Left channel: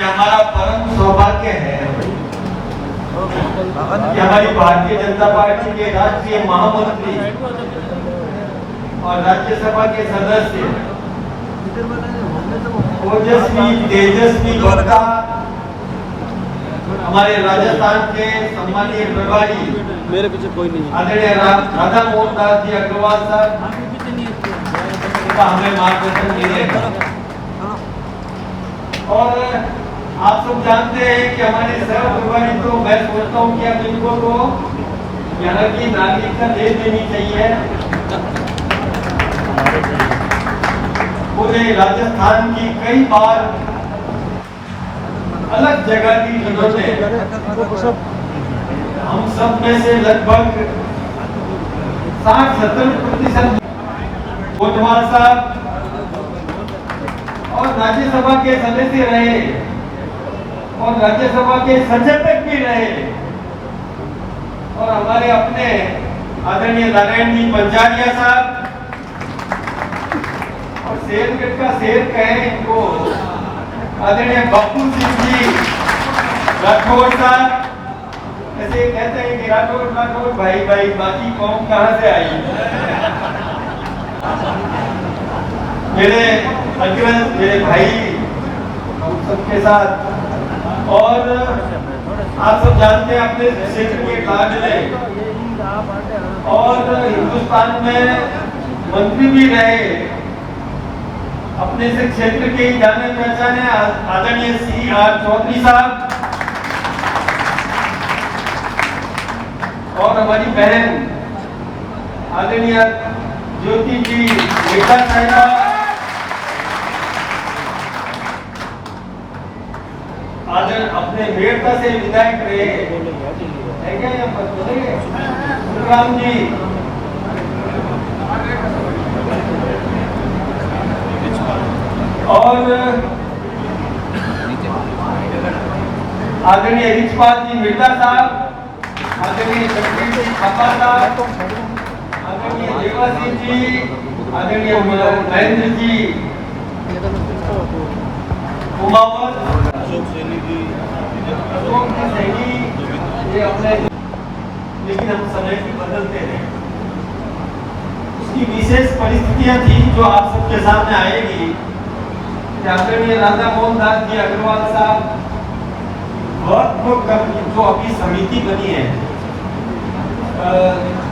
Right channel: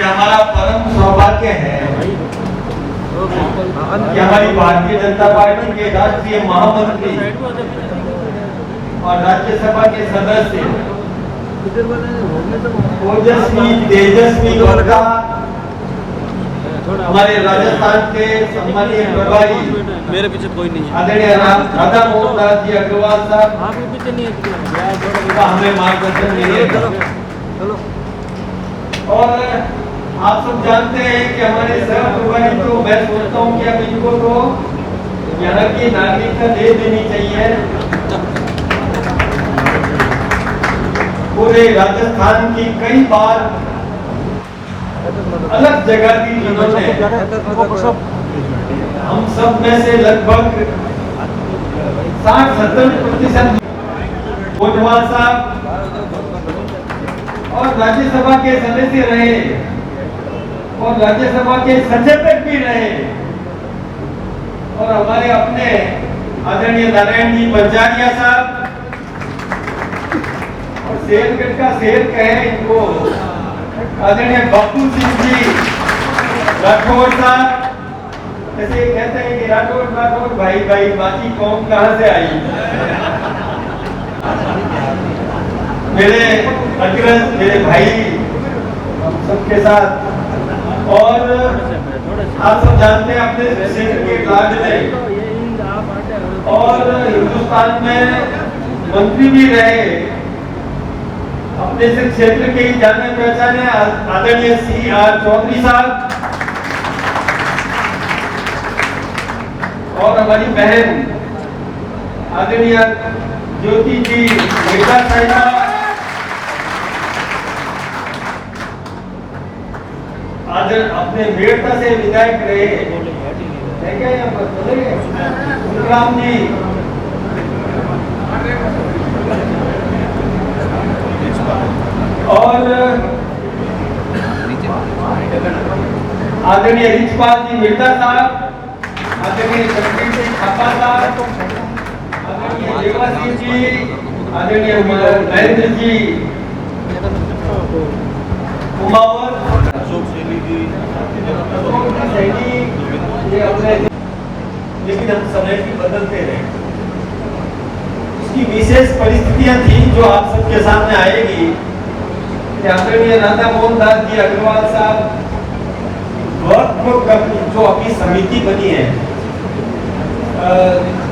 कि हमारा परम सौभाग्य है कि हमारी भारतीय जनता पार्टी के राष्ट्रीय महामंत्री और राज्यसभा के सदस्य ओजस्वी तेजस्वी लोका हमारे राजस्थान के सम्मानीय प्रभारी आदरणीय राधा मोहन दास जी अग्रवाल साहब का हमें मार्गदर्शन मिलेगा। और आप सब जानते हैं कि हमारे सह प्रभारी तो मैं सोचता हूँ कि अब इनको तो यहाँ की नागरिकता दे देनी चाहिए। पूरे राजस्थान की कई बार अलग जगह की जिन्होंने हम सब में से लगभग 60-70% कोटवाल साहब और राज्यसभा के सदस्य रहे और राज्यसभा के सचेतक भी रहे और हमारे अपने आदरणीय नारायण जी पंचारिया साहब और शेरगढ़ का शेर कहे इनको आदरणीय बप्पू सिंह जी राठौर साहब। ऐसे कहते हैं कि राठौर भाई भाई बाकी कौन कहां से आई। मेरे अग्रज मेरे भाई हम सबके साथ और आप सब जानते हैं अपने क्षेत्र के कार्य में और हिंदुस्तान में मंत्री भी रहे अपने से क्षेत्र के जाने पहचाने आदरणीय CR चौधरी साहब और हमारी बहन आदरणीय ज्योति जी मेघा साहब अपने मेड़ता से विधायक रहे राम जी और आदरणीय रिचपाल जी मिर्जा साहब, आदरणीय शक्ति सिंह थापा साहब, आदरणीय देवासी जी, आदरणीय महेंद्र जी लेकिन हम समय की बदलते रहे। उसकी विशेष परिस्थितियां थी जो आप सबके सामने आएगी। आदरणीय राधा मोहन दास जी अग्रवाल साहब जो अपनी समिति बनी है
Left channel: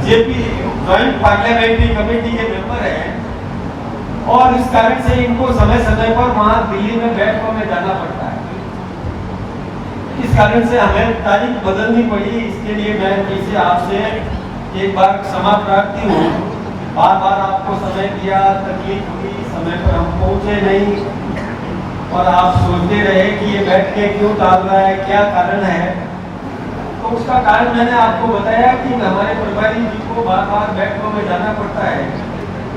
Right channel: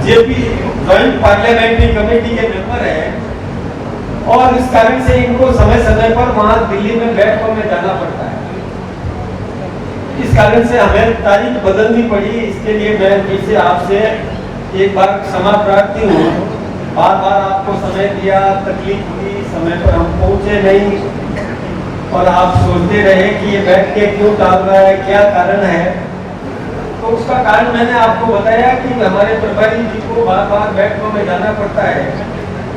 जेपी जॉइंट पार्लियामेंट्री कमेटी के मेंबर है और इस कारण से इनको समय समय पर वहां दिल्ली में बैठकों में जाना पड़ता है। इस कारण से हमें तारीख बदलनी पड़ी। इसके लिए मैं फिर से आपसे एक बार क्षमा प्रार्थी हूँ। बार बार आपको समय दिया, तकलीफ हुई, समय पर हम पहुंचे नहीं और आप सोचते रहे कि ये बैठ के क्यों टाल रहा है, क्या कारण है। तो उसका कारण मैंने आपको बताया कि हमारे प्रभारी जी को बार बार बैठकों में जाना पड़ता है।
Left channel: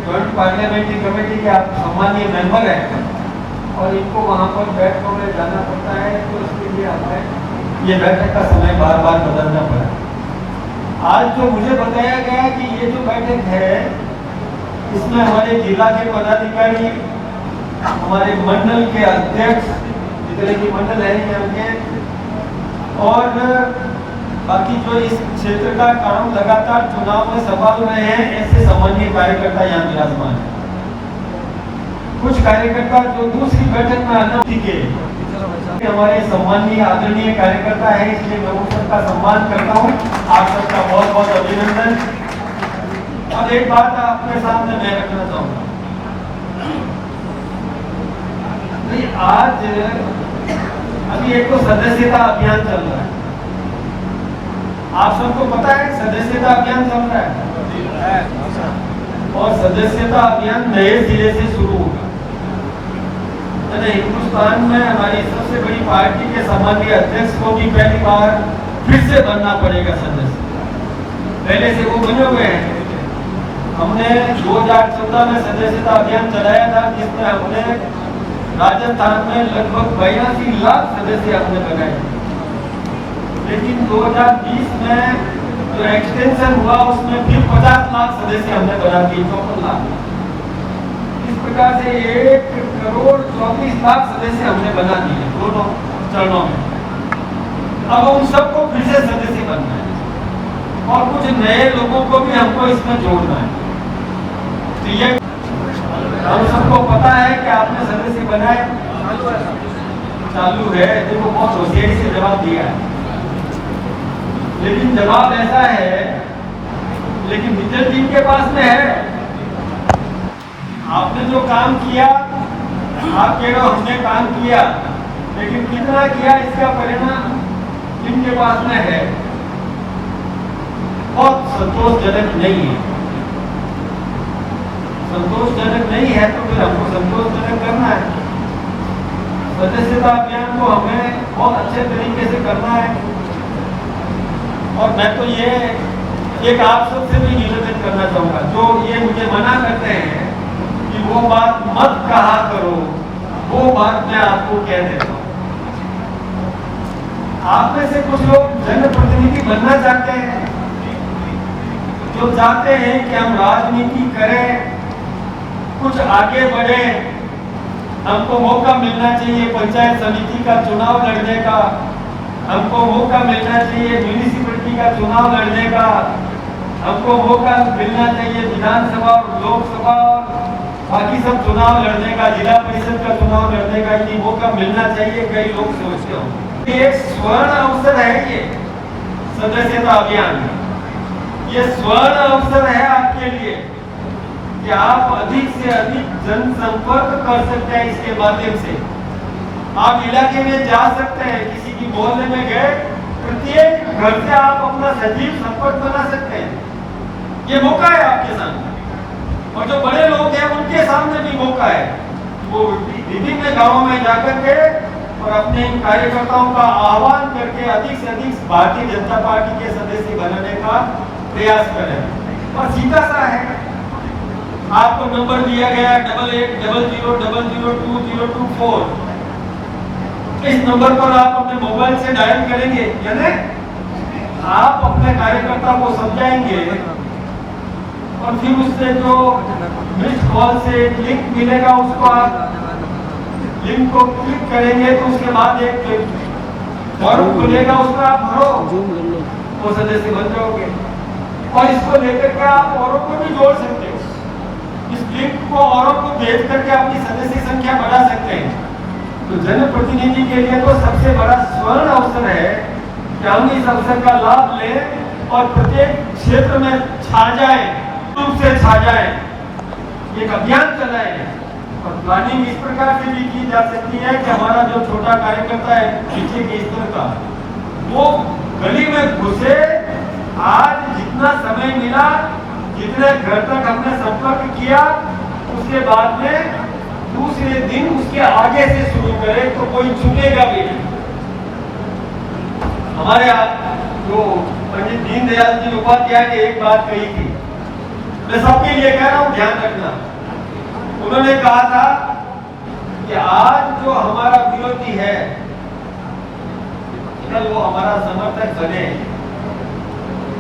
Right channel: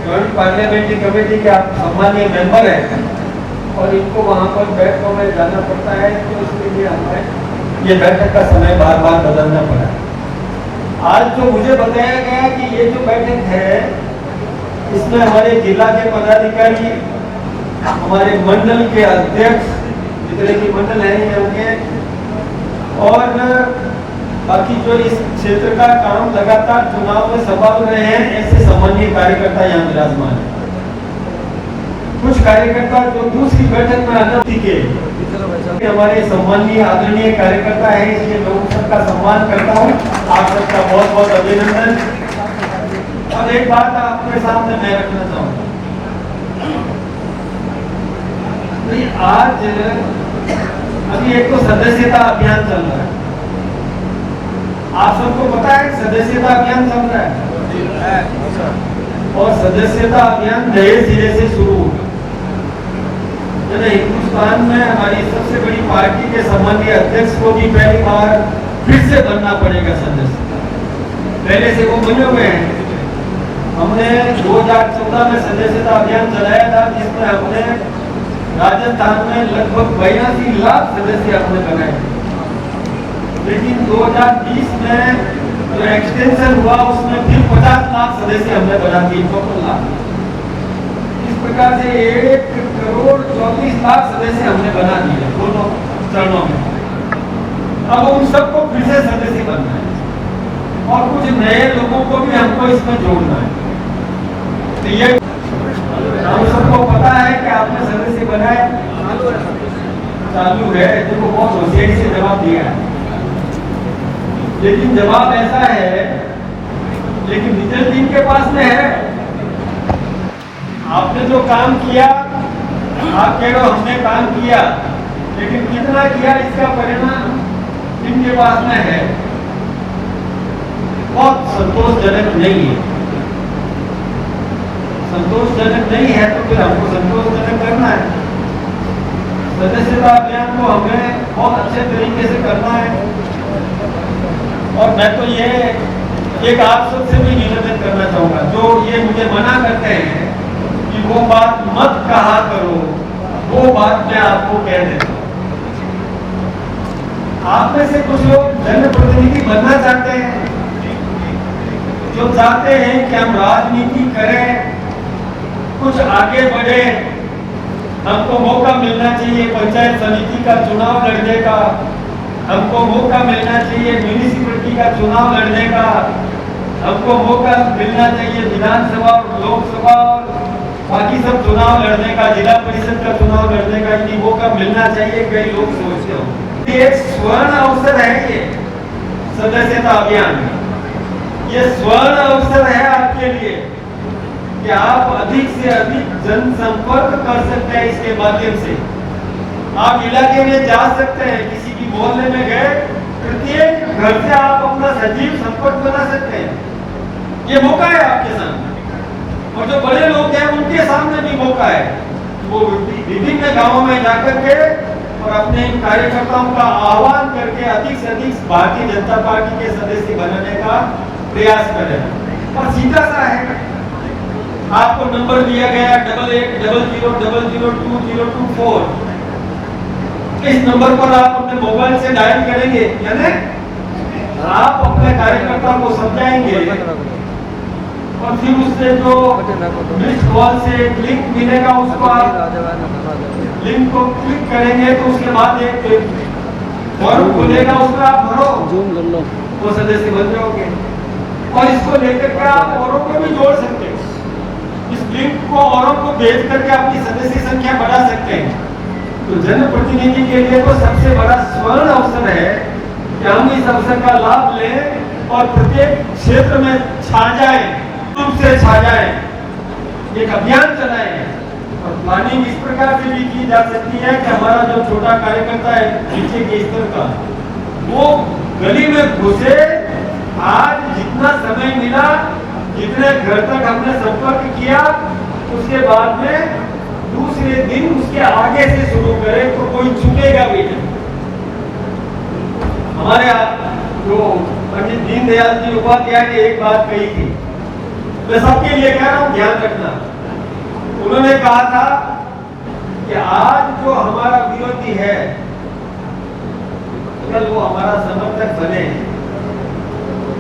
जॉइंट पार्लियामेंट्री कमेटी के आप सम्मानीय मेंबर हैं और इनको वहाँ पर बैठकों में जाना पड़ता है, तो इसके लिए हमें ये बैठक का समय बार बार बदलना पड़ा। आज जो मुझे बताया गया कि ये जो बैठक है इसमें हमारे जिला के पदाधिकारी, हमारे मंडल के अध्यक्ष जितने भी मंडल है उनके और बाकी जो इस क्षेत्र का काम लगातार चुनाव में संभाल रहे हैं ऐसे सम्मानीय कार्यकर्ता यहाँ विराजमान है। कुछ कार्यकर्ता जो दूसरी बैठक में आने के हमारे सम्मानीय आदरणीय कार्यकर्ता है, इसलिए मैं उन सबका सम्मान करता हूँ। आप सबका बहुत बहुत अभिनंदन। और एक बात आपके सामने मैं रखना चाहूँगा, आज अभी एक तो सदस्यता अभियान चल रहा है। आप सबको पता है सदस्यता अभियान चल रहा है और सदस्यता अभियान नए सिरे से शुरू होगा। हिंदुस्तान में हमारी सबसे बड़ी पार्टी के सम्मानीय अध्यक्ष को भी पहली बार फिर से बनना पड़ेगा सदस्य। पहले से वो बने हुए हैं। हमने 2014 में सदस्यता अभियान चलाया था जिसमें हमने राजस्थान में लगभग 82 लाख सदस्य हमने बनाए। लेकिन 2020 में जो एक्सटेंशन हुआ उसमें फिर 50 लाख सदस्य हमने बना दिए, 54 लाख। इस प्रकार से 1 करोड़ 24 लाख सदस्य हमने बना दिए दोनों। चरणों में। अब उन सबको फिर से सदस्य बनना है और कुछ नए लोगों को भी हमको इसमें जोड़ना है। तो ये हम सबको पता है कि आपने सदस्य बनाया, चालू है। देखो बहुत होशियारी से जवाब दिया है, लेकिन जवाब ऐसा है, लेकिन जितने टीम के पास में है, आपने जो काम किया, आप कह रहे हो हमने काम किया, लेकिन कितना किया इसका परिणाम इनके पास में है, बहुत संतोषजनक नहीं है। संतोषजनक नहीं है तो फिर हमको संतोषजनक करना है। सदस्यता अभियान को हमें बहुत अच्छे तरीके से करना है। और मैं तो ये एक आप सबसे भी निवेदन करना चाहूंगा, जो ये मुझे मना करते हैं कि वो बात मत कहा करो, वो बात मैं आपको कह देता हूँ। आप में से कुछ लोग जनप्रतिनिधि बनना चाहते हैं, जो चाहते हैं कि हम राजनीति करें, कुछ आगे बढ़े, हमको मौका मिलना चाहिए पंचायत समिति का चुनाव लड़ने का, हमको मौका मिलना चाहिए म्यूनिसिपैलिटी का चुनाव लड़ने का, हमको मौका मिलना चाहिए विधानसभा और लोकसभा और बाकी सब चुनाव लड़ने का, जिला परिषद का चुनाव लड़ने का, ये मौका मिलना चाहिए। कई लोग सोचते हो ये एक स्वर्ण अवसर है, ये सदस्यता अभियान, ये स्वर्ण अवसर है आपके लिए कि आप अधिक से अधिक जनसंपर्क कर सकते हैं। इसके माध्यम से आप इलाके में जा सकते हैं, किसी की मोहल्ले में गए, प्रत्येक घर से आप अपना सजीव संपर्क बना सकते हैं। ये मौका है आपके सामने, और जो बड़े लोग हैं उनके सामने भी मौका है। वो विभिन्न गांवों में जाकर के और अपने कार्यकर्ताओं का आह्वान करके अधिक से अधिक भारतीय जनता पार्टी के सदस्य बनने का प्रयास करें। और सीधा सा है, आपको नंबर दिया गया है 8800002024। इस नंबर पर आप अपने मोबाइल से डायल करेंगे, यानी आप अपने कार्यकर्ता को समझाएंगे और फिर उससे जो मिस कॉल से लिंक मिलेगा, उसको आप लिंक को क्लिक करेंगे तो उसके बाद एक फॉर्म खुलेगा, उसका आप भरो, वो सदस्य बन जाओगे। और इसको लेकर के आप औरों को भी जोड़ सकते हैं, इस लिंक को औरों को भेज करके अपनी सदस्य संख्या बढ़ा सकते हैं। तो जनप्रतिनिधि के लिए तो सबसे बड़ा स्वर्ण अवसर है कि हम इस अवसर का लाभ लें और प्रत्येक क्षेत्र में छा जाए, रूप से छा जाए, एक अभियान चलाएं। और प्लानिंग इस प्रकार से भी की जा सकती है कि हमारा जो छोटा कार्यकर्ता है पीछे के स्तर का, वो गली में घुसे, आज जितना समय मिला, जितने घर तक हमने संपर्क किया, उसके बाद में दूसरे दिन उसके आगे से शुरू करें तो कोई छूटेगा भी नहीं। हमारे जो पंडित दीनदयाल जी उपाध्याय ने एक बात कही थी, मैं सबके लिए कह रहा हूं, ध्यान रखना। उन्होंने कहा था कि आज जो हमारा विरोधी है, कल वो हमारा समर्थक बने।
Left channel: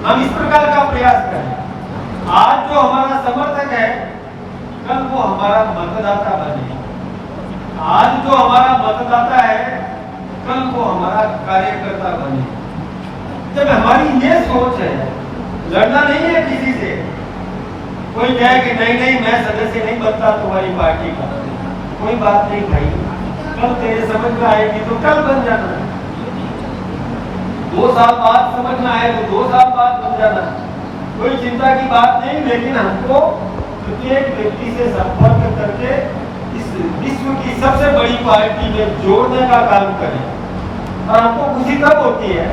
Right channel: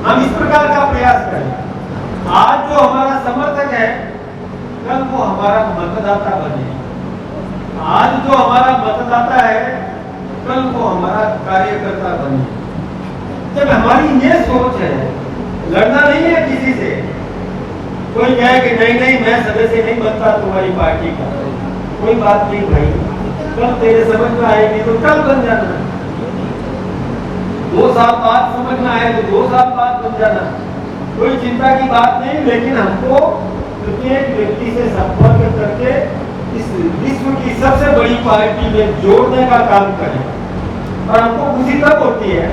हम इस प्रकार का प्रयास करें, आज जो हमारा समर्थक है, कल वो हमारा मतदाता बने। आज जो हमारा मतदाता है, कल वो हमारा कार्यकर्ता बने। जब हमारी ये सोच है, लड़ना नहीं है किसी से। कोई कहे कि नहीं मैं सदस्य नहीं बनता तुम्हारी पार्टी का, कोई बात नहीं भाई, कल तेरे समझ में आएगी तो कल बन जाना, 2 साल बाद समझ में आए तो 2 साल बाद बन जाना, कोई चिंता की बात नहीं। लेकिन हमको प्रत्येक व्यक्ति से संपर्क करके इस विश्व की सबसे बड़ी पार्टी में जोड़ने का काम करें। और हमको खुशी तब होती है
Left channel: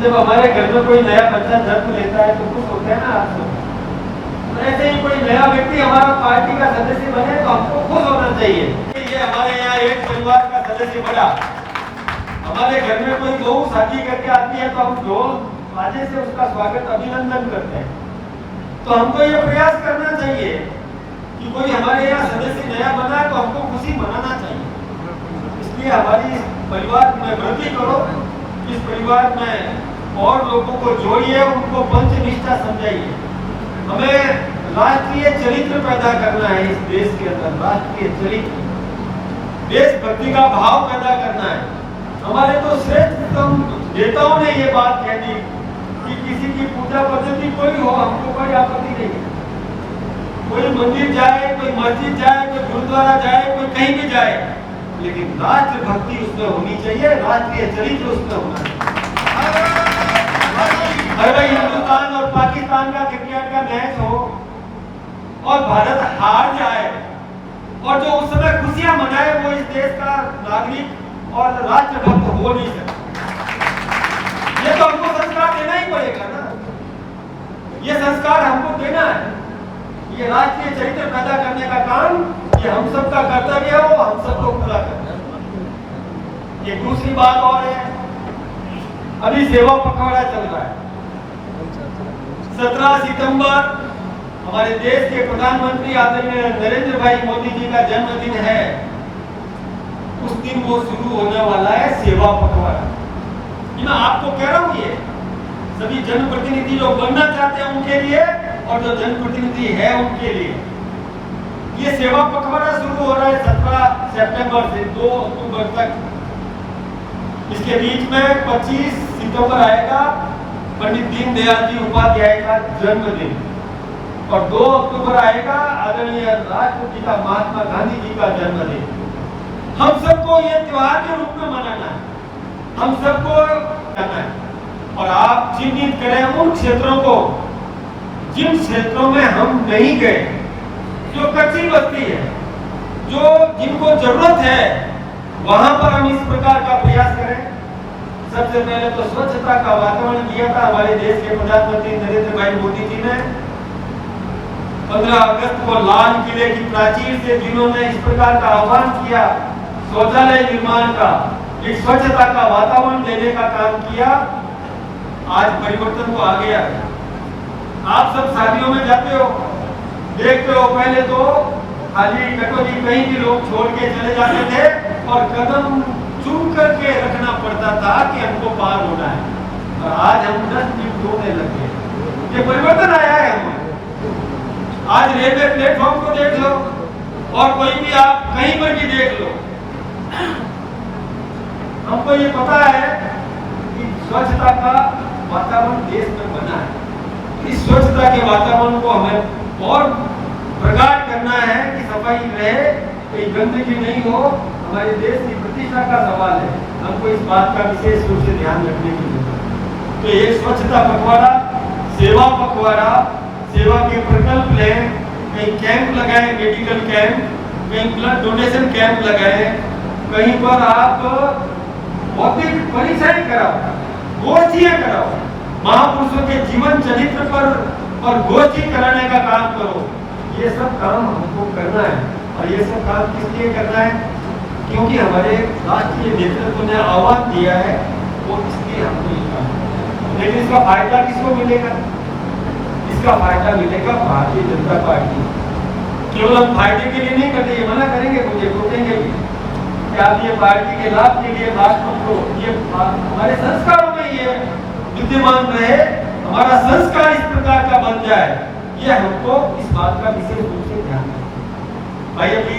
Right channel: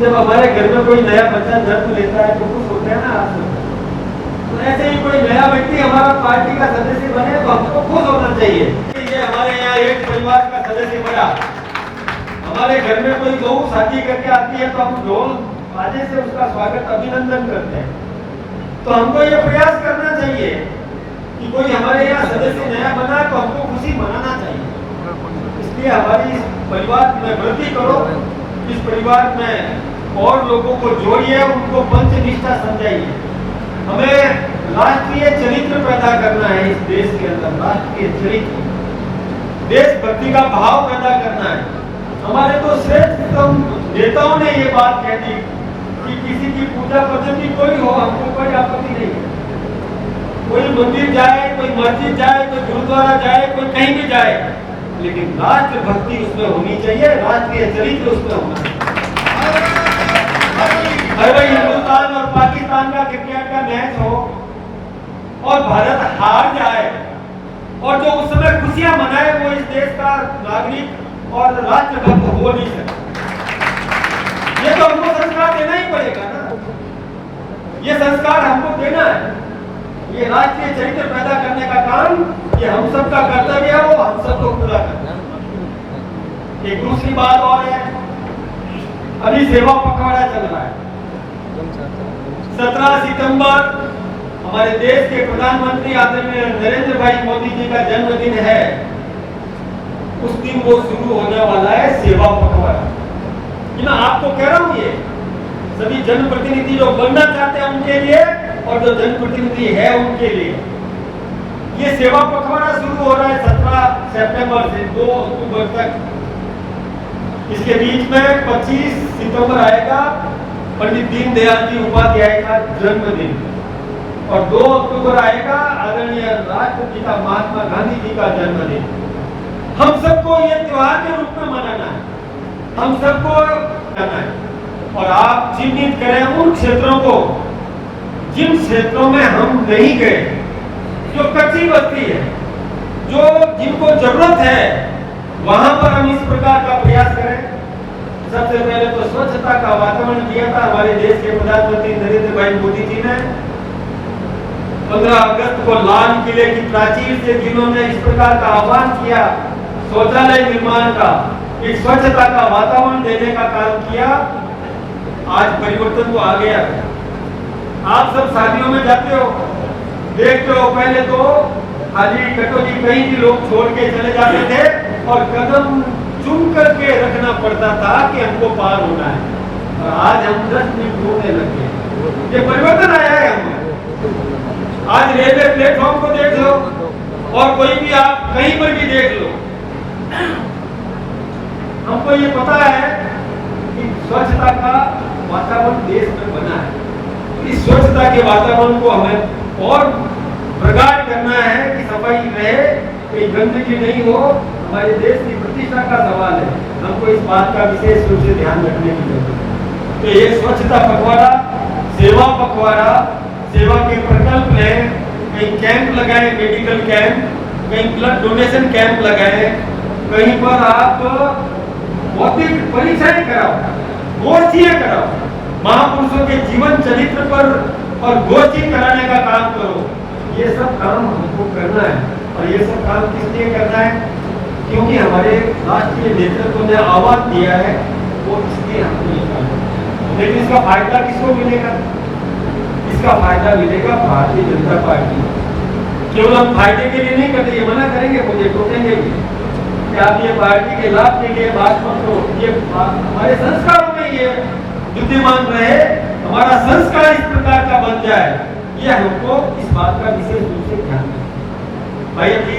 जब हमारे घर में कोई नया बच्चा जन्म लेता है, तो खुश होते हैं ना आप सब। तो ऐसे ही कोई नया व्यक्ति हमारा पार्टी का सदस्य बने तो हमको खुश होना चाहिए। ये हमारे यहाँ एक परिवार का सदस्य बना, हमारे घर में कोई लोग शादी करके आती है तो हम लोग बाजे से उसका स्वागत अभिनंदन करते हैं। तो हमको ये प्रयास करना चाहिए कि कोई हमारे यहाँ सदस्य नया बना है तो हमको खुशी मनाना चाहिए। इसलिए हमारी परिवार में वृद्धि करो, इस परिवार में और लोगों को जोड़िए, उनको पंचनिष्ठा समझाइए। हमें राष्ट्रीय चरित्र पैदा करना है इस देश के अंदर, राष्ट्रीय चरित्र, देशभक्ति का भाव पैदा करना है। हमारे तो श्रेष्ठ नेताओं ने ये बात कह दी कि किसी की पूजा पद्धति कोई हो, हमको कोई आपत्ति नहीं है। कोई मंदिर जाए, कोई मस्जिद जाए, कोई गुरुद्वारा जाए, कोई कहीं भी जाए, लेकिन राष्ट्र भक्ति उसमें होनी चाहिए, राष्ट्रीय चरित्र उसमें होना चाहिए। अगर भाई हिंदुस्तान और पाकिस्तान का क्रिकेट का मैच हो और भारत हार जाए और जो उस समय खुशियां मनाए, वो इस देश का नागरिक और राष्ट्रभक्त हो नहीं सकता। ये तो हमको संस्कार देना ही पड़ेगा ना, ये संस्कार हमको देना है। ये राष्ट्रीय चरित्र पैदा करने का काम ये हम सबका कर्तव्य है, वो हम सबको पूरा करना। एक दूसरी बात और है, अभी सेवा पखवाड़ा चल रहा है। 17 सितंबर हमारे देश के प्रधानमंत्री आदरणीय नरेंद्र भाई मोदी जी का जन्मदिन है। उस दिन वो शुरू होने वाला है सेवा पखवाड़ा। मैं आपको कह रहा हूं, ये सभी जनप्रतिनिधि जो बनना चाहते हैं उनके लिए और जो जनप्रतिनिधि है उनके लिए ये सेवा पखवाड़ा शुरू हो रहा है 17 सितंबर से 2 अक्टूबर तक। इसके बीच में 25 सितंबर आएगा पंडित दीनदयाल जी उपाध्याय का जन्मदिन और 2 अक्टूबर आएगा आदरणीय राष्ट्रपिता महात्मा गांधी जी का जन्मदिन। हम सबको ये त्योहार के रूप में मनाना है, हम सबको करना है। और आप चिन्हित करें उन क्षेत्रों को जिन क्षेत्रों में हम नहीं गए, जो कच्ची बस्ती है, जो जिनको जरूरत है, वहां पर हम इस प्रकार का प्रयास करें। सबसे पहले तो स्वच्छता का वातावरण दिया था हमारे देश के प्रधानमंत्री नरेंद्र भाई मोदी जी ने। 15 अगस्त को लाल किले की प्राचीर से जिन्होंने इस प्रकार का आह्वान किया शौचालय निर्माण का, एक स्वच्छता का वातावरण देने का काम किया, आज परिवर्तन तो आ गया। आप सब शादियों में जाते हो, देखते हो, पहले तो खाली कटोरी कहीं भी लोग छोड़ के चले जाते थे और कदम चुन करके रखना पड़ता था कि हमको पार होना है। और आज हम 10 मिनट ढूंढने लगे, ये परिवर्तन आया है हमें। आज रेलवे प्लेटफॉर्म को देख लो और कोई भी आप कहीं पर भी देख लो, हमको ये पता है कि स्वच्छता का वातावरण देश में बना है। इस स्वच्छता के वातावरण को हमें और प्रगाढ़ करना है कि सफाई रहे, कोई गंदगी नहीं हो। हमारे देश की प्रतिष्ठा का सवाल है, हमको इस बात का विशेष रूप से ध्यान रखने की जरूरत है। तो ये स्वच्छता पखवाड़ा, सेवा पखवाड़ा, सेवा के प्रकल्प लें, कहीं कैंप लगाए, मेडिकल कैंप, कहीं ब्लड डोनेशन कैंप लगाए, कहीं पर आप भौतिक परीक्षाएं कराओ, गोष्ठियां कराओ, महापुरुषों के जीवन चरित्र पर और गोष्ठी कराने का काम करो। ये सब काम हमको करना है और ये सब काम किस लिए करना है? क्योंकि हमारे राष्ट्रीय नेतृत्व ने आह्वान दिया है, वो इसलिए हमको ये काम। लेकिन इसका फायदा किसको मिलेगा? इसका फायदा मिलेगा भारतीय जनता पार्टी। केवल हम फायदे के लिए नहीं करते, ये मना करेंगे, मुझे रोकेंगे भी कि आप ये पार्टी के लाभ के लिए बात मत करो। ये हमारे संस्कारों में ये विद्यमान रहे, हमारा संस्कार इस प्रकार का बन जाए, ये हमको इस बात का विशेष रूप से ध्यान दें। भाई अभी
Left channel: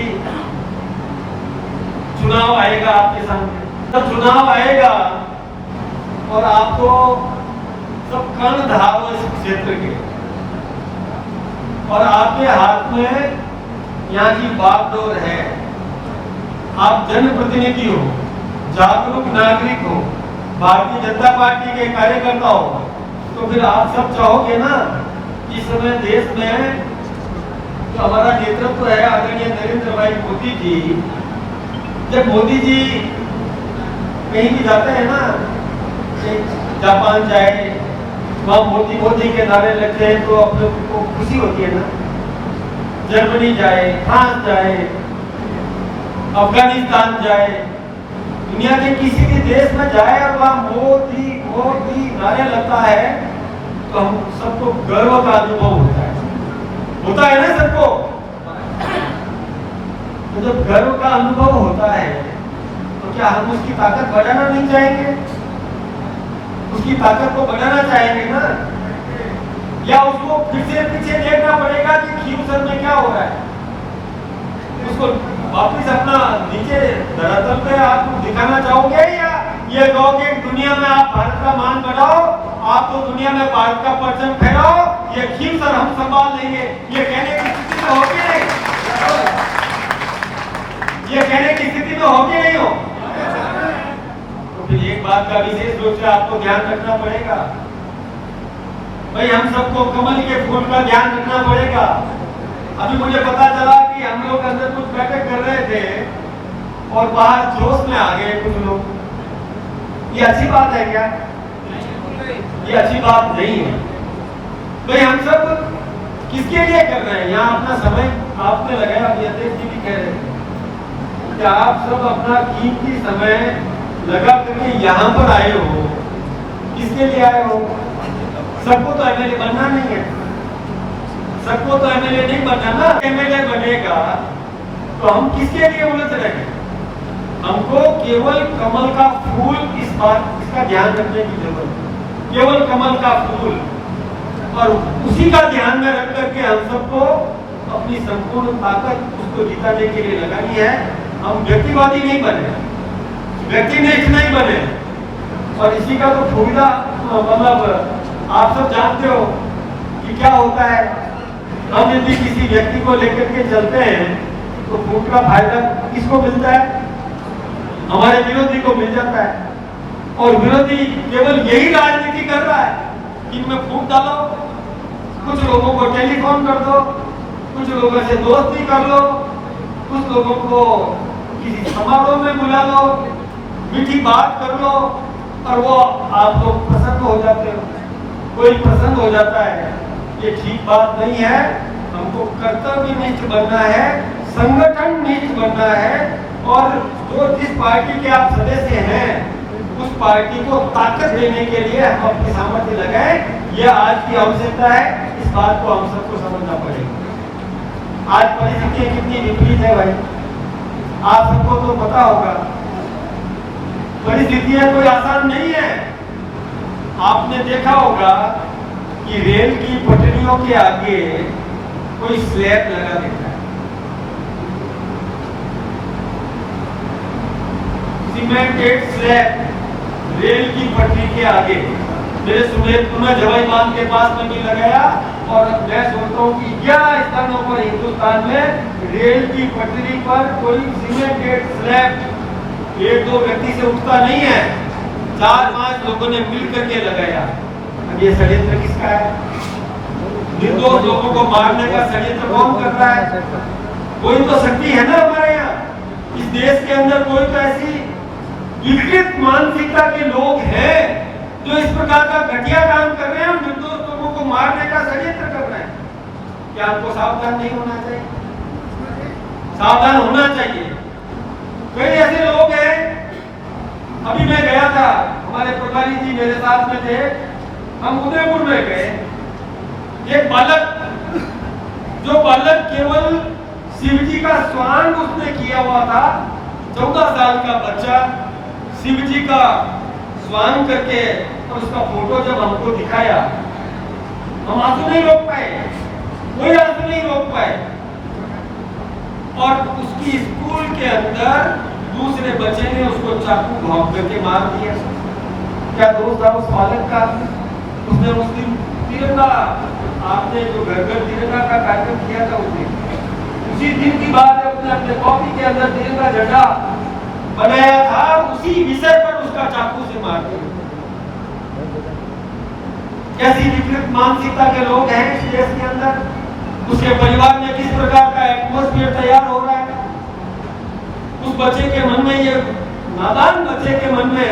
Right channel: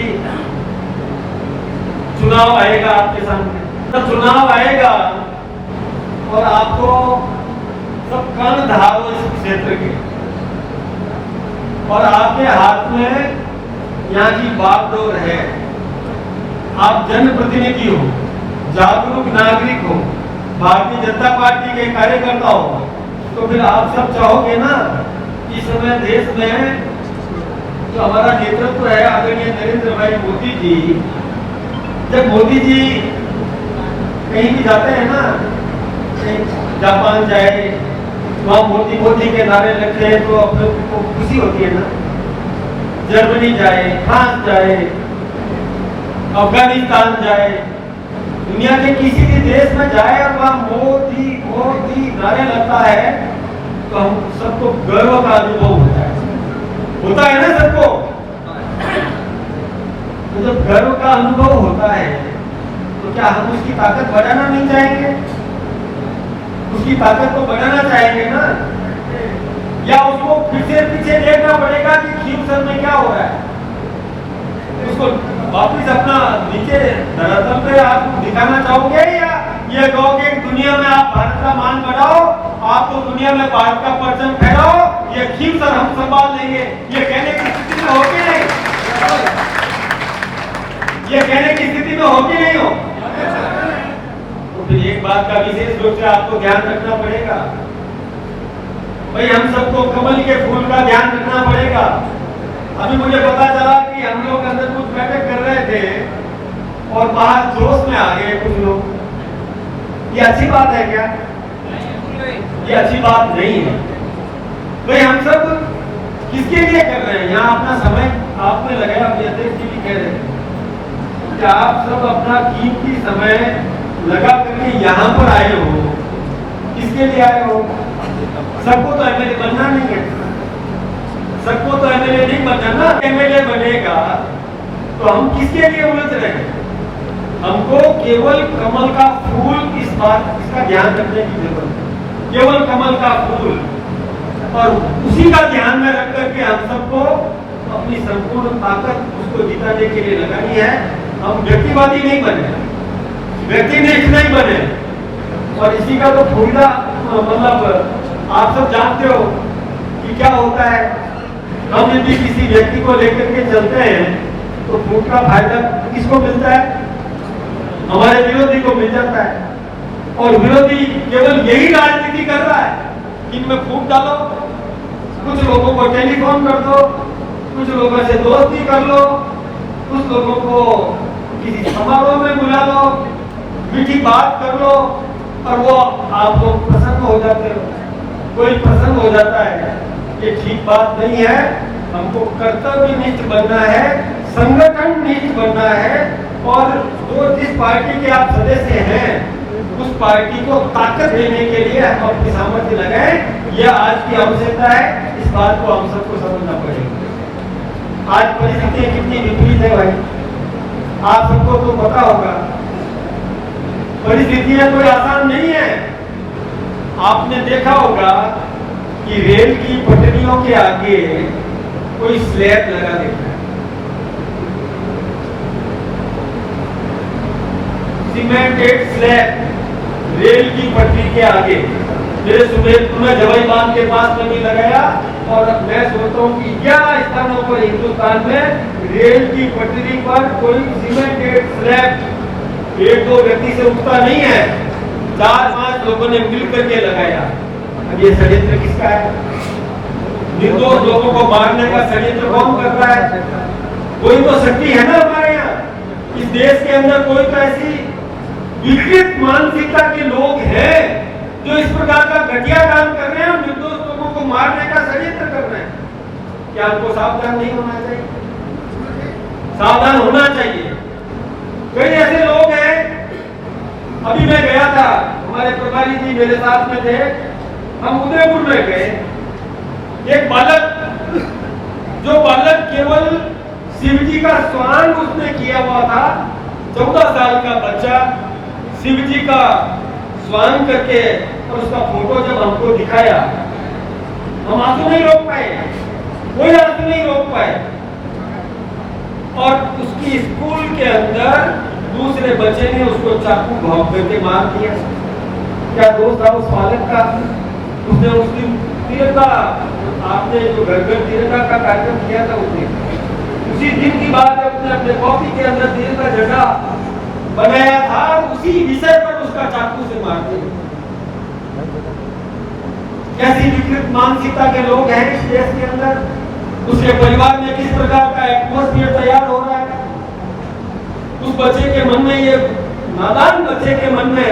चुनाव आएगा आपके सामने, तो चुनाव आएगा और आपको सब कान धारो इस क्षेत्र के, और आपके हाथ में यहाँ की बागडोर है। आप जनप्रतिनिधि हो, जागरूक नागरिक हो, भारतीय जनता पार्टी के कार्यकर्ता हो, तो फिर आप सब चाहोगे ना इस समय देश में जो हमारा नेतृत्व है आदरणीय नरेंद्र भाई मोदी जी, जब मोदी जी कहीं भी जाते हैं ना, जापान जाए, वहाँ मोदी मोदी के नारे लगते हैं तो आप लोग को खुशी होती है ना। जर्मनी जाए, फ्रांस जाए, अफगानिस्तान जाए, दुनिया के किसी भी देश में जाए और वहाँ मोदी मोदी नारे लगता है तो हम सबको गर्व का अनुभव होता है ना सबको। तो जब गर्व का अनुभव होता है तो क्या हम उसकी ताकत बढ़ाना नहीं चाहेंगे? उसकी ताकत को बढ़ाना चाहेंगे ना, या उसको फिर से पीछे देखना पड़ेगा कि खींच में क्या हो रहा है? उसको वापिस अपना नीचे धरातल पे आप दिखाना चाहोगे या ये कहोगे दुनिया में आप भारत का मान बढ़ाओ, आप तो दुनिया में भारत का परचम फहराओ, ये ठीक सर हम संभाल लेंगे, ये कहने की स्थिति में होगी नहीं? ये कहने की स्थिति में होगी नहीं हो? तो फिर एक बात का विशेष रूप से आपको ध्यान रखना पड़ेगा भाई, हम सबको कमल के फूल का ध्यान रखना पड़ेगा। अभी मुझे पता चला कि हम लोग अंदर कुछ बैठक कर रहे थे और बाहर जोश में आ गए कुछ लोग। ये अच्छी बात है क्या? ये अच्छी बात नहीं है भाई। हम सब किसके लिए कर रहे हैं? यहाँ अपना समय आपने लगाया, अपने अध्यक्ष जी भी कह रहे हैं कि आप सब अपना कीमती समय लगा करके यहाँ पर आए हो, किसके लिए आए हो? सबको तो एमएलए बनना नहीं है, सबको तो एमएलए नहीं बनना ना। एमएलए बनेगा तो हम किसके लिए उलझ रहे हैं? हमको केवल कमल का फूल, इस बात इसका ध्यान रखने की जरूरत है। केवल कमल का फूल, और उसी का ध्यान में रख करके हम सबको अपनी संपूर्ण ताकत उसको जिताने के लिए लगानी है। हम व्यक्तिवादी नहीं बने, व्यक्तिनिष्ठ नहीं बने। और इसी का तो फायदा मतलब आप सब जानते हो कि क्या होता है। हम यदि किसी व्यक्ति को लेकर के चलते हैं तो फूट का फायदा किसको मिलता है? हमारे विरोधी को मिल जाता है। और विरोधी केवल यही राजनीति कर रहा है कि इनमें फूट डालो, कुछ लोगों को टेलीफोन कर दो, कुछ लोगों से दोस्ती कर लो, कुछ लोगों को किसी समारोह में बुला लो, मीठी बात कर लो और वो आप लोग प्रसन्न हो जाते हो, कोई प्रसन्न हो जाता है। ये ठीक बात नहीं है। हमको कर्तव्यनिष्ठ बनना है, संगठन निष्ठ बनना है। और जो जिस पार्टी के आप सदस्य हैं उस पार्टी को ताकत देने के लिए हम अपनी सामर्थ्य लगाएं, यह आज की आवश्यकता है। इस बात को हम सबको समझना पड़ेगा। आज परिस्थितियां कितनी विपरीत है भाई, आप सबको तो पता होगा। परिस्थितियां कोई आसान नहीं है। आपने देखा होगा कि रेल की पटरियों के आगे कोई स्लैब लगा देता है, सीमेंटेड स्लैब रेल की पटरी के आगे। मेरे सुमेरपुर में जवाई बांध के पास में भी लगाया और मैं सोचता हूँ कि 11 स्थानों पर हिंदुस्तान में रेल की पटरी पर कोई सीमेंटेड स्लैब एक दो व्यक्ति से उठता नहीं है, 4-5 लोगों ने मिल करके लगाया। अब ये षड्यंत्र किसका है? निर्दोष लोगों को मारने का षड्यंत्र कौन कर रहा है? कोई तो शक्ति है ना हमारे यहाँ इस देश के अंदर, कोई तो ऐसी विकृत मानसिकता के लोग हैं जो इस प्रकार का घटिया काम कर रहे हैं और निर्दोष लोगों को मारने का षड्यंत्र कर रहे हैं। क्या उनको सावधान नहीं होना चाहिए? सावधान होना चाहिए। कई ऐसे लोग हैं, अभी मैं गया था, हमारे प्रभारी जी मेरे साथ में थे, हम उदयपुर में गए। एक बालक, जो बालक केवल शिव जी का स्वांग उसने किया हुआ था, 14 साल का बच्चा शिव जी का स्वांग करके, और उसका फोटो जब हमको दिखाया, हम आंसू नहीं रोक पाए, कोई आंसू नहीं रोक पाए। और उसकी स्कूल के अंदर दूसरे बच्चे ने उसको चाकू घोंप करके मार दिया। क्या दोस्त था उस बालक का? उसने उस दिन तिरंगा, आपने जो घर घर तिरंगा का कार्यक्रम किया था उसी दिन की बात है, उसने अपने कॉपी के अंदर तिरंगा झंडा बनाया था, उसी विषय पर उसका चाकू से मार दिया। कैसी विकृत मानसिकता के लोग हैं इस देश के अंदर। उसके परिवार में किस प्रकार का एटमॉस्फेयर तैयार हो रहा है। उस बच्चे के मन में, ये नादान बच्चे के मन में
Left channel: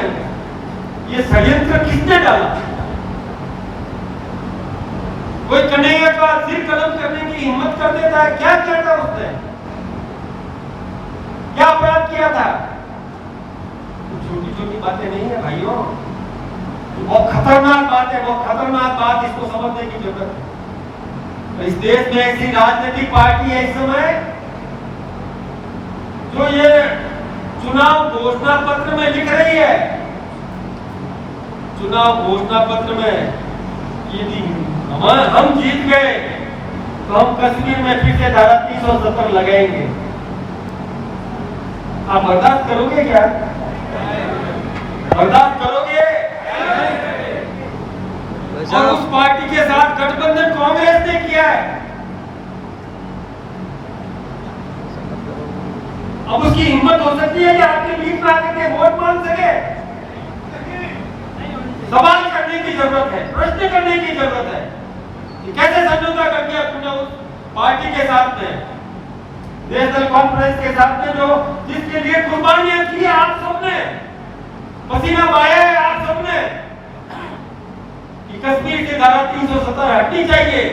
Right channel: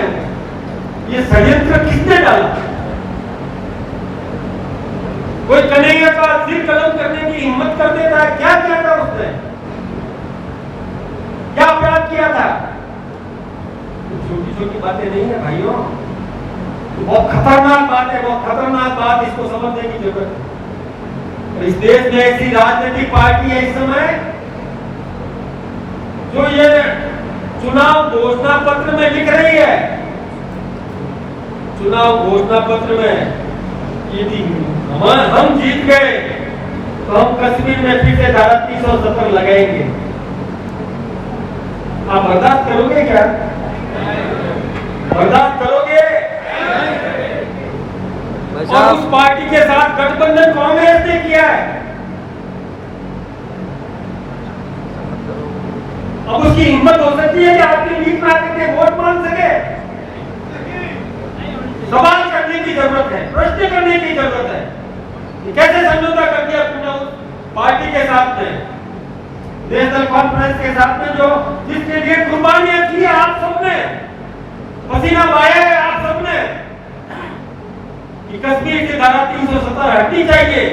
ये षड्यंत्र किसने डाला? कोई कन्हैया का सिर कलम करने की हिम्मत कर देता है? क्या किया था उसने? क्या अपराध किया था? छोटी छोटी बातें नहीं है भाइयों, बहुत खतरनाक बात है, बहुत खतरनाक बात। इसको समझने की जरूरत है। इस देश में ऐसी राजनीतिक पार्टी है इस समय जो ये चुनाव घोषणा पत्र में लिख रही है, चुनाव घोषणा पत्र में यदि हम जीत गए तो हम कश्मीर में फिर से धारा 370 लगाएंगे। आप बर्दाश्त करोगे क्या? बर्दाश्त करोगे? और उस पार्टी के साथ गठबंधन कांग्रेस ने किया है। अब उसकी हिम्मत हो सकती है कि आपके बीच में आकर के वोट मांग सके? सवाल करने की जरूरत है, प्रश्न करने की जरूरत है कि कैसे समझौता कर दिया तुमने उस पार्टी के साथ में, नेशनल कॉन्फ्रेंस के साथ में, जो जिसके लिए कुर्बानियां की है आप सबने, पसीना बहाया है आप सबने कि कश्मीर की धारा 370 हटनी चाहिए।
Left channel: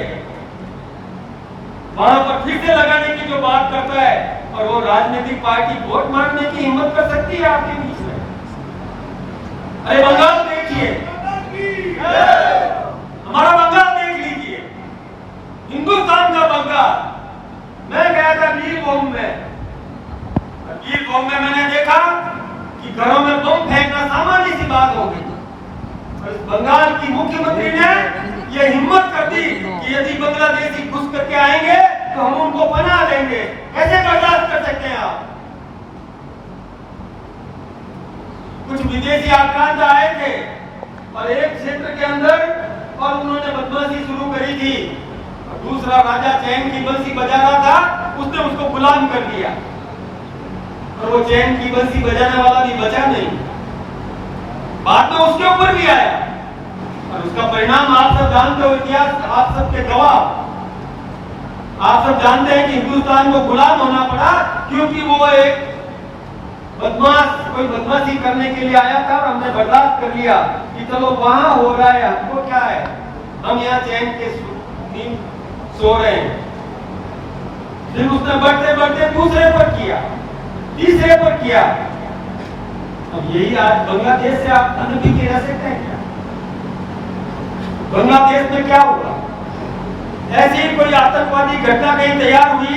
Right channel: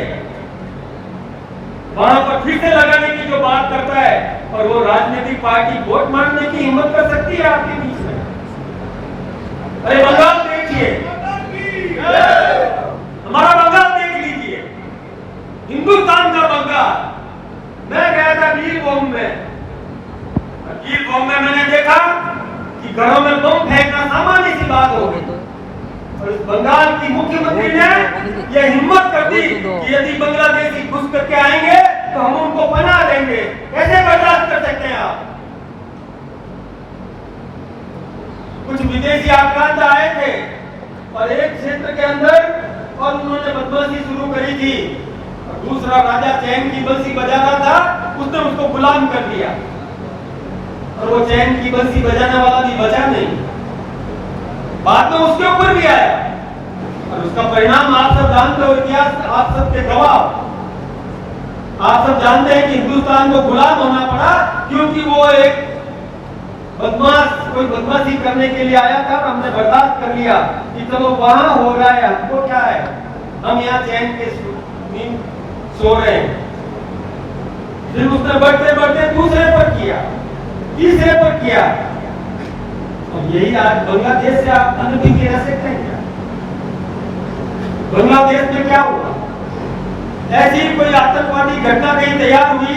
वहां पर फिर से लगाने की जो बात करता है, और वो राजनीतिक पार्टी वोट मांगने की हिम्मत कर सकती है आपके बीच में? अरे बंगाल देखिए, हमारा बंगाल देख लीजिए, हिंदुस्तान का बंगाल। मैं गया था वीरभूम में, वीरभूम में मैंने देखा कि घरों में बम फेंकना सामान्य सी बात हो गई। और इस बंगाल की मुख्यमंत्री ने यह हिम्मत कर दी कि यदि बांग्लादेशी घुस करके आएंगे तो हम उनको बना देंगे। कैसे बर्दाश्त कर सकते हैं आप? कुछ विदेशी आक्रांत आए थे और एक क्षेत्र के अंदर और उन्होंने बदमाशी शुरू करी थी, और दूसरा राजा चैन की बंसी बजाना था, उसने उसको गुलाम कर दिया, और वो चैन की बंसी बजाने वाला भी बचा नहीं, बाद में उसके ऊपर भी आया, और उसका परिणाम आप सब जानते हो, इतिहास आप सबके गवाह। आप सब जानते हैं कि हिंदुस्तान को गुलाम होना पड़ा क्योंकि वो एक बदमाश कोई बदमाशी करने के लिए आया था। हमने बर्दाश्त कर लिया कि चलो वहां हो रहा है, हमको क्या है, हम यहाँ चैन के नींद सो रहे हैं। फिर उसने बढ़ते बढ़ते दूसरे पर किया, तीसरे पर किया। यही आज बांग्लादेश से आप अनुभवी रह सकते हैं। बांग्लादेश में क्या हुआ? ऐसी कोई आतंकवादी घटना नहीं तैयार हुई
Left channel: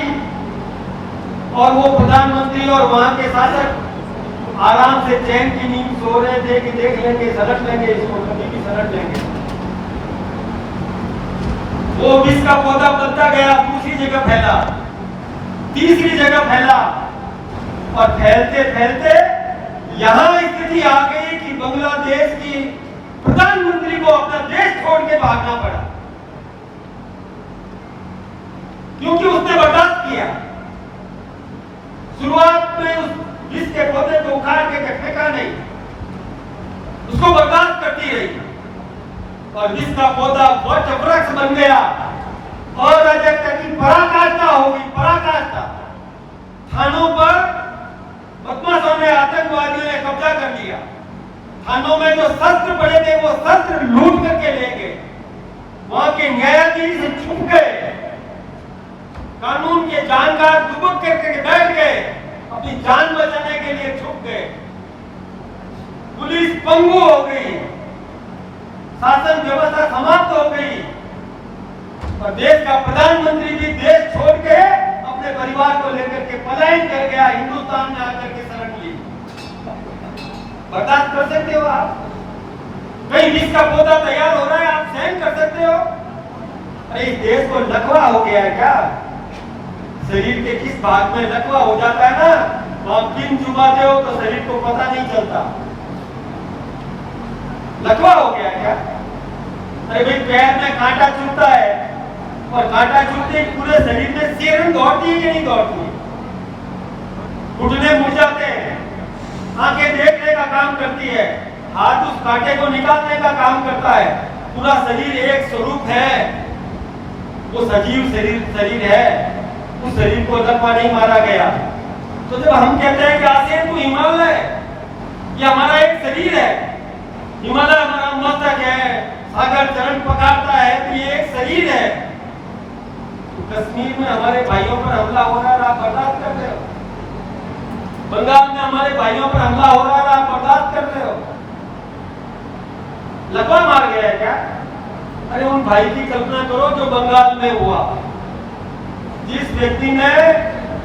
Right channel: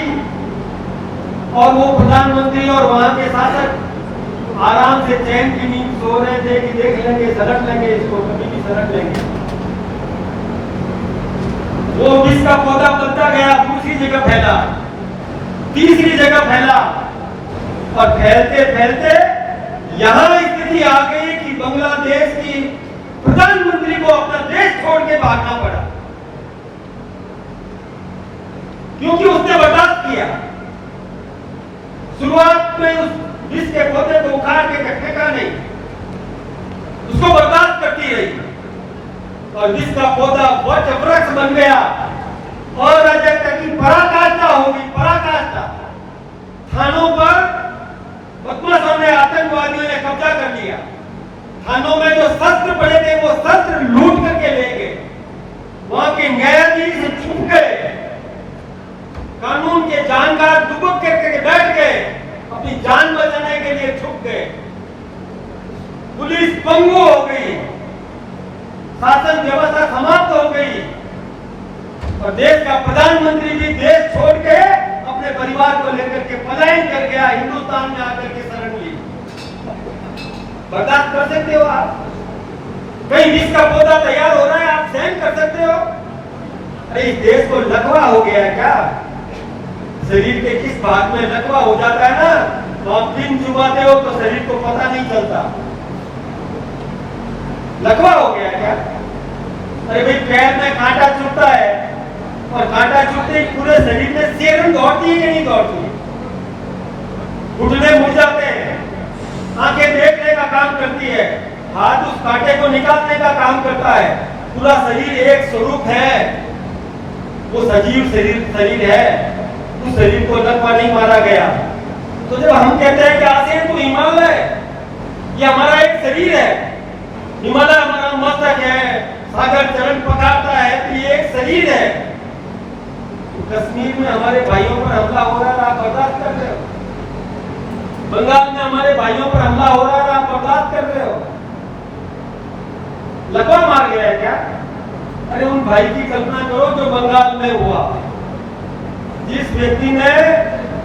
और वो प्रधानमंत्री और वहां के शासक आराम से चैन की नींद सो रहे थे कि देख लेंगे, सलट लेंगे, इसको कभी भी सलट लेंगे। वो विष का पौधा बनता गया, दूसरी जगह फैला, तीसरी जगह फैला, और फैलते फैलते यहां स्थिति आ गई कि बांग्लादेश की प्रधानमंत्री को अपना देश छोड़ के भागना पड़ा क्योंकि उसने बर्दाश्त किया। शुरुआत में उस विष के पौधे को उखाड़ के फेंका नहीं, उसको बर्दाश्त करती रही, और विष का पौधा वृक्ष बन गया। और जब तक की पराकाष्ठा होगी, पराकाष्ठा, थानों पर बदमाशों ने, आतंकवादियों ने कब्जा कर लिया। थानों में जो शस्त्र पड़े थे वो शस्त्र लूट करके ले गए, वहां के न्यायाधीश छुप गए, कानून के जानकार दुबक करके बैठ गए, अपनी जान बचाने के लिए छुप गए। पुलिस पंगु हो गई, शासन व्यवस्था समाप्त हो गई, और देश का प्रधानमंत्री भी देश छोड़ के अपने परिवार को लेकर के पलायन कर गया, हिंदुस्तान में आकर के शरण ली। बर्दाश्त कर सकते हो आप? कहीं विष का पौधा तैयार हो रहा है, आप सहन कर सकते हो? अरे इस देश को लकवा हो गया है क्या? शरीर के किस भाग में लकवा हो जाता है ना, तो आप पिन चुबाते हो तो शरीर को पता नहीं चलता। लकवा हो गया क्या? अरे भाई पैर में कांटा चुभता है, और कांटा चुभते ही पूरे शरीर में सेरन दौड़ती है कि नहीं दौड़ती? घुटने मुड़ जाते हैं, आंखें देखने का काम करती है, हाथ उस कांटे को निकालने का काम करता है। पूरा शरीर एक स्वरूप है, वो सजीव शरीर है, उस शरीर को लकवा नहीं मारा गया। तो जब हम कहते हैं कि आसियान तो हिमालय, ये हमारा एक शरीर है, हिमालय हमारा मस्तक है, सागर चरण पखारता है, तो ये एक शरीर है। तो कश्मीर में हमारे भाइयों पर हमला हो रहा है, आप बर्दाश्त कर रहे हो? बंगाल में हमारे भाइयों पर हमला हो रहा है, आप बर्दाश्त कर रहे हो? लकवा मार गया है क्या? अरे उन भाई की कल्पना करो जो बंगाल में हुआ, जिस व्यक्ति ने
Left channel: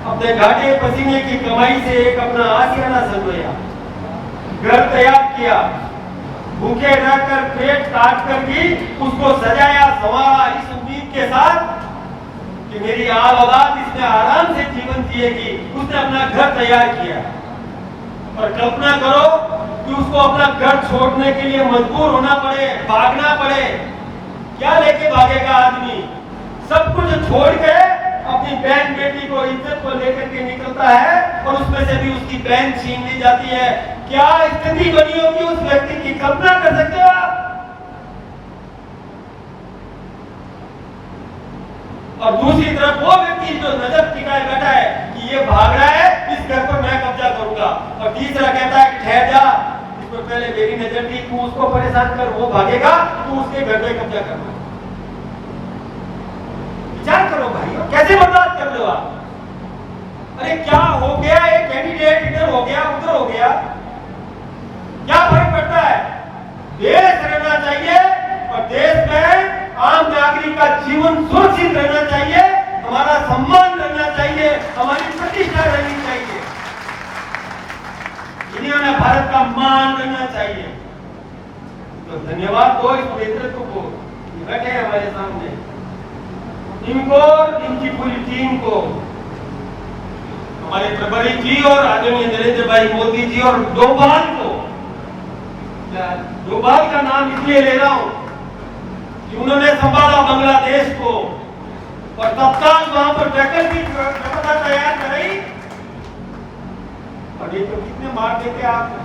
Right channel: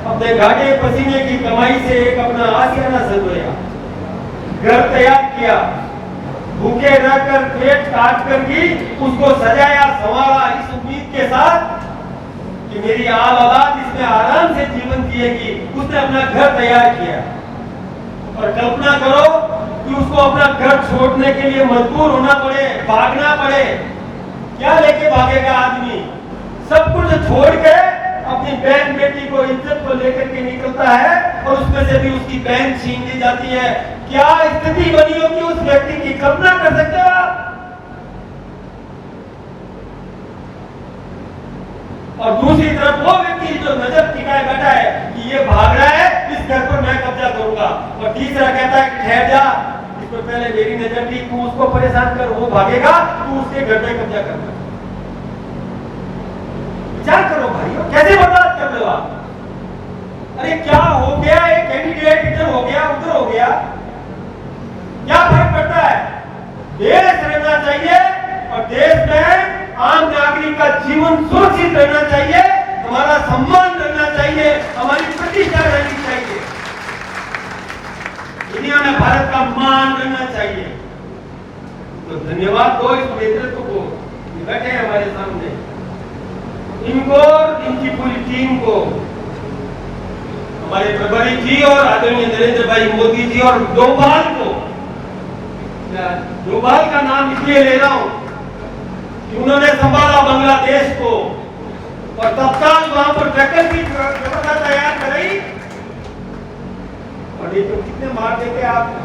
अपने घाटे पसीने की कमाई से एक अपना आशियाना सजाया, घर तैयार किया, भूखे रहकर पेट काट कर भी उसको सजाया संवारा, इस उम्मीद के साथ कि मेरी आल औलाद इसमें आराम से जीवन जिएगी, उसने अपना घर तैयार किया। और कल्पना करो कि उसको अपना घर छोड़ने के लिए मजबूर होना पड़े, भागना पड़े। क्या लेके भागेगा आदमी? सब कुछ छोड़ के अपनी बहन बेटी को, इज्जत को लेकर के निकलता है और उसमें से भी उसकी बहन छीन ली जाती है। क्या स्थिति बनी होगी उस व्यक्ति की, कल्पना कर सकते हो आप? और दूसरी तरफ वो व्यक्ति जो नजर टिकाए बैठा है कि ये भाग रहा है, इस घर पर मैं कब्जा करूंगा, और तीसरा कहता है कि ठहर जा, इसको पहले मेरी नजर थी, तू उसको परेशान कर, वो भागेगा, तू उसके घर पे कब्जा कर। विचार करो भाइयों, कैसे बर्दाश्त कर लो आप? अरे क्या हो गया, एक कैंडिडेट इधर हो गया, उधर हो गया, क्या फर्क पड़ता है? देश रहना चाहिए और देश में आम नागरिक का जीवन सुरक्षित रहना चाहिए, हमारा सम्मान करना चाहिए, हमारी प्रतिष्ठा रहनी चाहिए, दुनिया में भारत का मान रहना चाहिए। तो धन्यवाद दो इस नेतृत्व को, बैठे हैं हमारे सामने, इनको, इनकी पूरी टीम को, हमारे प्रभारी जी और आदरणीय नरेंद्र भाई मोदी जी और डोभाल को। डोभाल का नाम इसलिए ले रहा हूं कि उन्होंने संभाला बांग्लादेश को और तत्काल वहां पर वैकल्पिक व्यवस्था तैयार कराई। और ये तो कितने मार देते आप,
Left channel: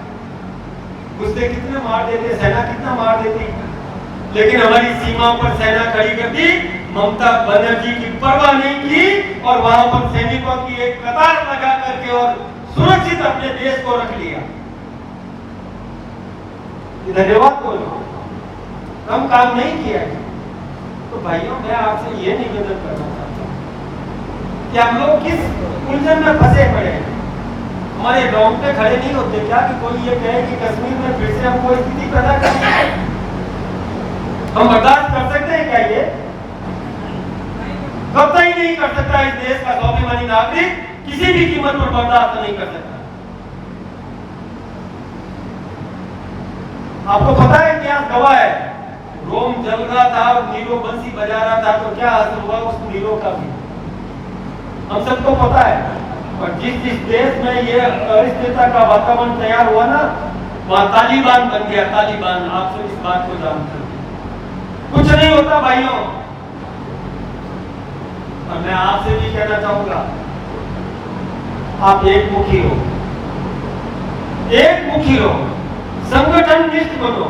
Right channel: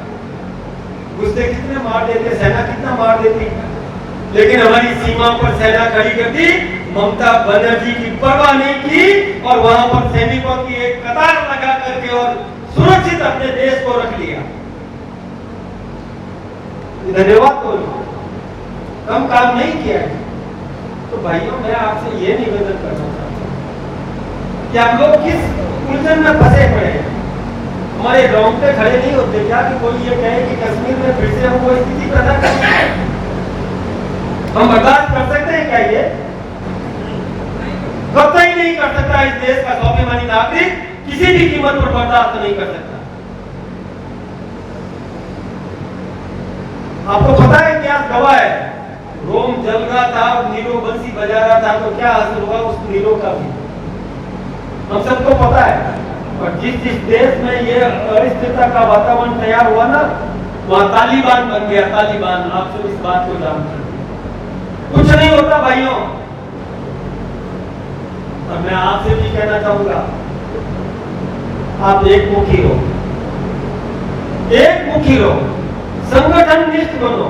गुस्से कितने मार देते, सेना कितना मार देती, लेकिन हमारी सीमा पर सेना खड़ी कर दी। ममता बनर्जी की परवाह नहीं की और वहां पर सैनिकों की एक कतार लगा करके और सुरक्षित अपने देश को रख लिया। धन्यवाद बोलो, कम काम नहीं किया। तो भाइयों, मैं आपसे ये निवेदन करना चाहता हूं कि आप लोग किस उलझन में फंसे पड़े हैं। हमारे रोंगटे खड़े नहीं होते क्या कि कोई ये कहे कि कश्मीर में फिर से हम कोई स्थिति पैदा करते हैं? हम बर्दाश्त कर सकते हैं क्या? ये कतई नहीं कर सकता। इस देश का स्वाभिमानी नागरिक किसी भी कीमत पर बर्दाश्त नहीं कर सकता। आपको पता है क्या गवाह है? रोम जल रहा था, नीरो बंसी बजा रहा था, तो क्या हासिल हुआ उस नीरो का भी हम सबको पता है। और जिस जिस देश में ये अनिश्चितता का वातावरण तैयार हुआ ना, वहां तालिबान बन गया। तालिबान, आप तो इस बात को जानते हैं। कुछ नहीं होता भाइयों। और मैं आपसे भी कहना चाहूंगा, आप एक मुखी हो, एक मुखी हो, संगठन निष्ठ बनो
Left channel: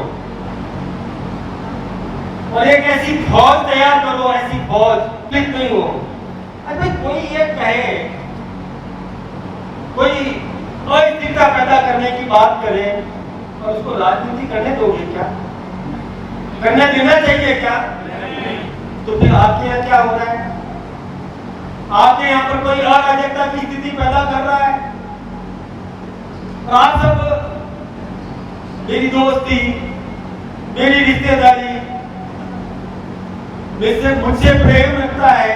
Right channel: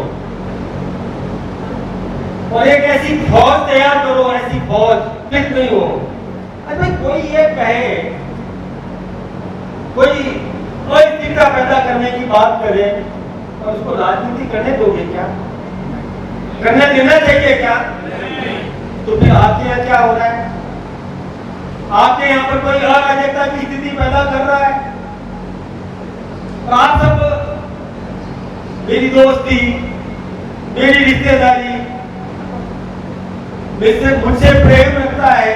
और एक ऐसी फौज तैयार करो, ऐसी फौज फिर नहीं हो। अरे कोई ये कहे, कोई अस्थिरता पैदा करने की बात करे और उसको राजनीति करने दोगे क्या? करने देना चाहिए क्या? तो फिर आपके यहाँ क्या हो रहा है? आपके यहाँ पर कोई अराजकता की स्थिति पैदा कर रहा है और आप सब मेरी दोस्ती, मेरी रिश्तेदारी, मुझसे प्रेम रखता है,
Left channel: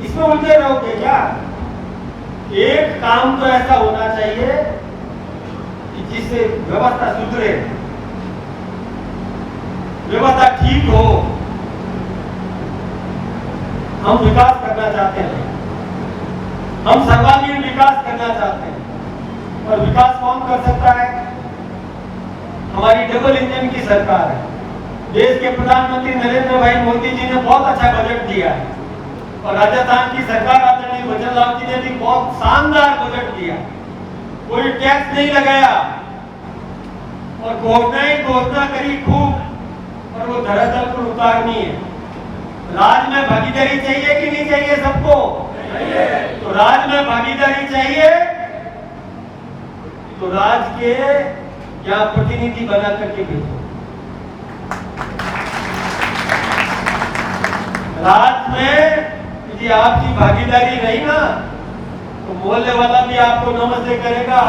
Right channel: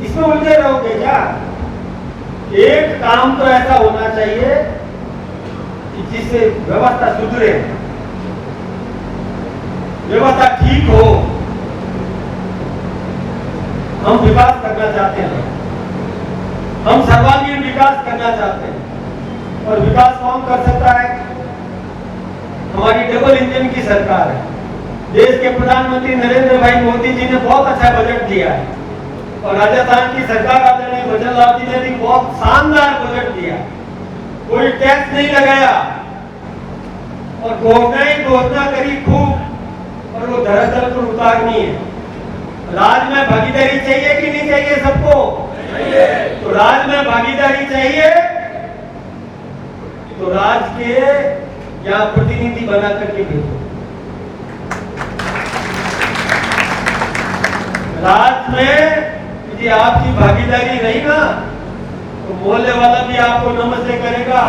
इसमें उलझे रहोगे क्या? एक काम तो ऐसा होना चाहिए कि जिससे व्यवस्था सुधरे, व्यवस्था ठीक हो। हम विकास करना चाहते हैं, हम सर्वांगीण विकास करना चाहते हैं। और विकास कौन कर सकता है? हमारी डबल इंजन की सरकार है। देश के प्रधानमंत्री नरेंद्र भाई मोदी जी ने बहुत अच्छा बजट दिया है और राजस्थान की सरकार आदरणीय भजन लाल जी ने भी बहुत शानदार बजट दिया। कोई टैक्स नहीं लगाया और घोषणा करी खूब, और वो दरअसल को उतारनी है। राज में भागीदारी चाहिए कि नहीं चाहिए सबको? तो राज में भागीदारी चाहिए तो राज के या प्रतिनिधि बना करके भेजो। राज में यदि आपकी भागीदारी रही ना, तो बोलने वाला भी आपको नमस्ते करेगा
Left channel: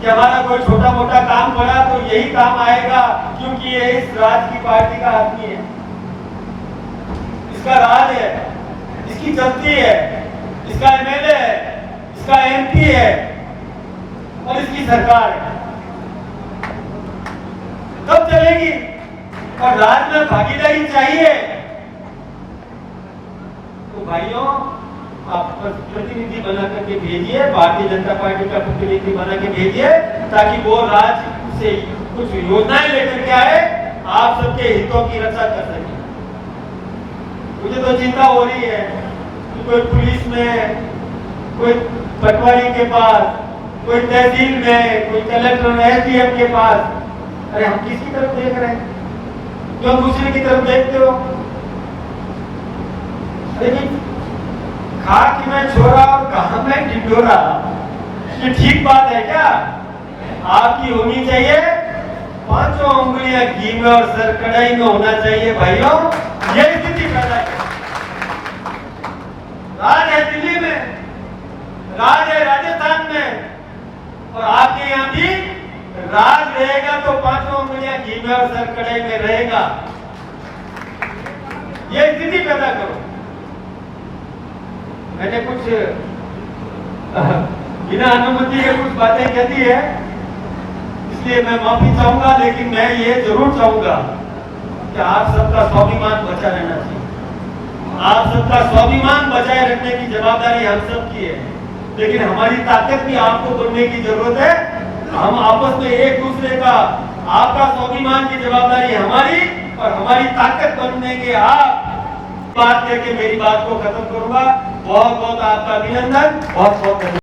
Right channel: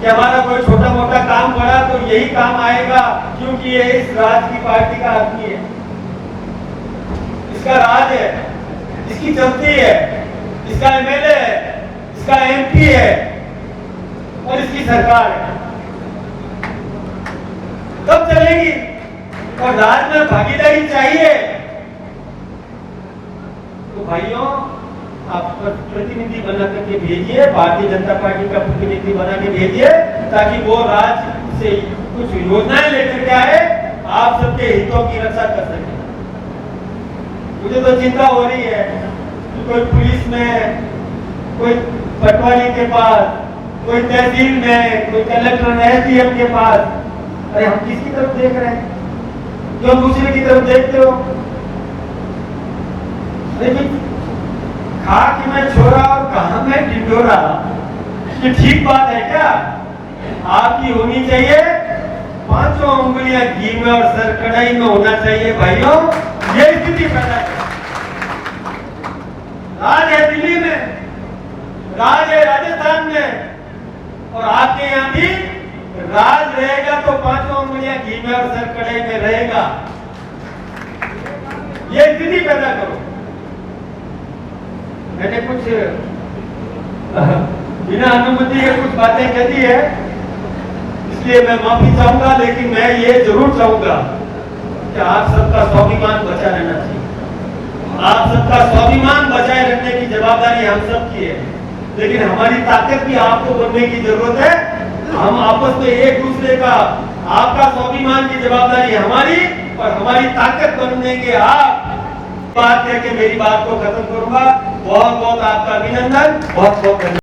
कि हमारा कोई छोटा मोटा काम पड़ा तो यही काम आएगा, क्योंकि ये इस राज की पार्टी का आदमी है, इसका राज है, इसकी चलती है, इसका एमएलए है, इसका एमपी है और इसकी सरकार है। कब चलेगी? और राज में भागीदारी चाहिए। तो भाइयों, आप प्रतिनिधि बना करके भेजिए, भारतीय जनता पार्टी का प्रतिनिधि बना के भेजिए, ताकि वो राज्य से कुछ योजनाएं लेकर के आए, आप सबके हितों की रक्षा कर सके। मुझे तो चिंता हो रही है कि कोई पुलिस में, कोई पटवारी के पास, कोई तहसील में, कोई कलेक्टर एसडीएम के पास, अरे हम किसकी तरफ देख रहे हैं? जो दूसरे की तरफ देखते हो। लेकिन खा कि मैं छोरा और कहा मैं ढिढोरा, ये ठीक बात है क्या? आपकी होनी चाहिए 5 उंगलियां घी में और सर कढ़ाई में होना चाहिए भाइयों। ये स्थिति पैदा कर, राज है दिल्ली में, राज है राजस्थान में, और आपके यहाँ भी राज रहेगा तो 5 उंगलियां घी में और सर कढ़ाई में रहेगा। ये स्थिति पैदा करो। मैंने कुछ बिना अनुमति के कुछ बातें कह दी है, इसलिए मैं माफी चाहूंगा, लेकिन मैं ये जरूर चाहूंगा कि आप सबका स्वाभिमान बचा रहना चाहिए। आप सबका स्वाभिमान बचाए रखने की जवाबदारी हम सब की है, लेकिन हमारी ताकत भी आपको बढ़ने की जरूरत है। हम आपस में एक दूसरे का, आपका स्वाभिमान की जवाबदारी हमारी और हमारी ताकत बनने के आप। बात कह के मेरी बात को खत्म करूंगा। बहुत बहुत आपका अभिनंदन, बहुत बहुत धन्यवाद।